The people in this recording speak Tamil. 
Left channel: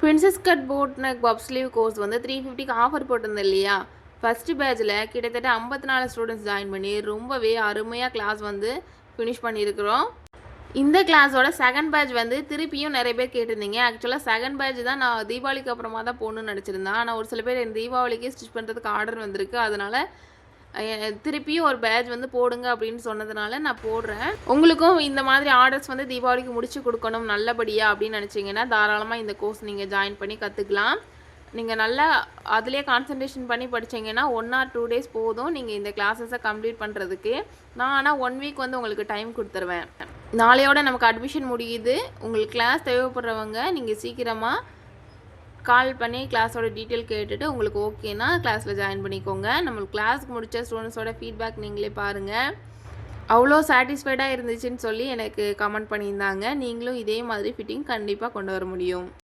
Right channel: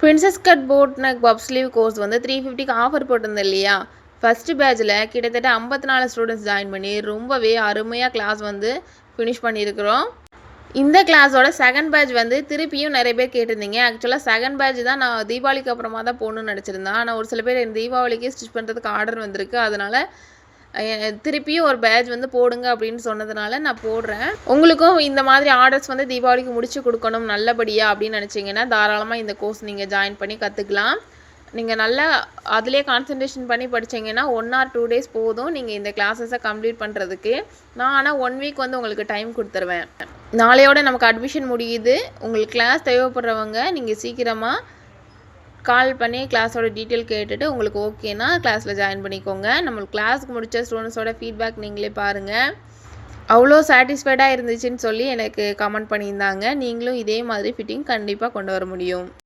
பிரின்சஸ் கட் போட் நெக் பப் ஸ்லீவ் கோர்ஸ் வந்து 350க்கு ஆஃபர் போட்டிருந்தேன் இல்லையா? ஃபஸ்ட்டு பேட்சில் கிட்டத்தட்ட 54 ஸ்டூடெண்ட்ஸ் ஜாயின் பண்ணி ரொம்பவே அருமையாக கிளாஸ் வந்து ஃபினிஷ் பண்ணியிருக்கிறோம். இந்த கிளாஸோட செகண்ட் பேட்ச் வந்து திருப்பியும் நிறைய பேர் கேட்டிருந்தீங்க. ஆக்சுவலாக செகண்ட் பேட்ச் தான் நான் தீபாவளிக்கு அப்புறமா தான் போகணுன்னு நினச்சிருந்தேன். ஆனால் ஒரு சில பேர் என் தீபாவளிக்கு ஸ்டிச் பண்ணுறதுக்கு ஆர்டர் வந்திருக்கு. அதனால் திருப்பியும் ஒரு பேட்ச் வந்து போடுங்க அப்படின்னு சொன்னதுனால நான் போடுறேன். உங்களுக்கும் இந்த மாதிரி ஆர்டர்ஸ் வந்து தீபாவளிக்கு முடிச்சு கொடுக்கணும் நல்லபடியாக அப்படின்னு நினச்சிங்கன்னா தாராளமாக இந்த கோர்ஸ் நீங்கள் ஜாயின் பண்ணி கற்றுக்கலாம். நீங்கள் நல்லா அதிலே கான்சன்ட்ரேஷன் பண்ணி படித்தீங்கன்னா 1 or 2 days போதும் நீங்கள் இந்த கிளாஸஸை கம்ப்ளீட் பண்ணுறதுக்கு. நான் ஆனால் 1 week வந்து உங்களுக்கு டைம் கொடுத்துருவேன். நாளையோட நமக்கு அட்மிஷன் முடியுது. உங்களுக்கு கிளாஸ் தேவைப்படுறவங்க நீங்கள் சீக்கிரமாக கால் பண்ணி கிளாஸோட டீட்டெயில் கேட்டுட்டு உங்களுக்கு ஓகேனா கிளாஸில் ஜாயின் பண்ணிக்கோங்க. நம்மளுக்கு கிளாஸுக்கு முடித்த ஸ்டூடெண்ட்ஸோட ஃபீட்பேக் நீங்களே பாருங்கள். அவ்வளோ சாட்டிஸ்ஃபைடாக இருந்துச்சுன்னு சொல்லி எனக்கு கமெண்ட் பண்ணியிருந்தாங்க. நீங்களும் இதே மாதிரி ஃபிட்டிங் கண்டிப்பாக கொண்டு வர முடியும்.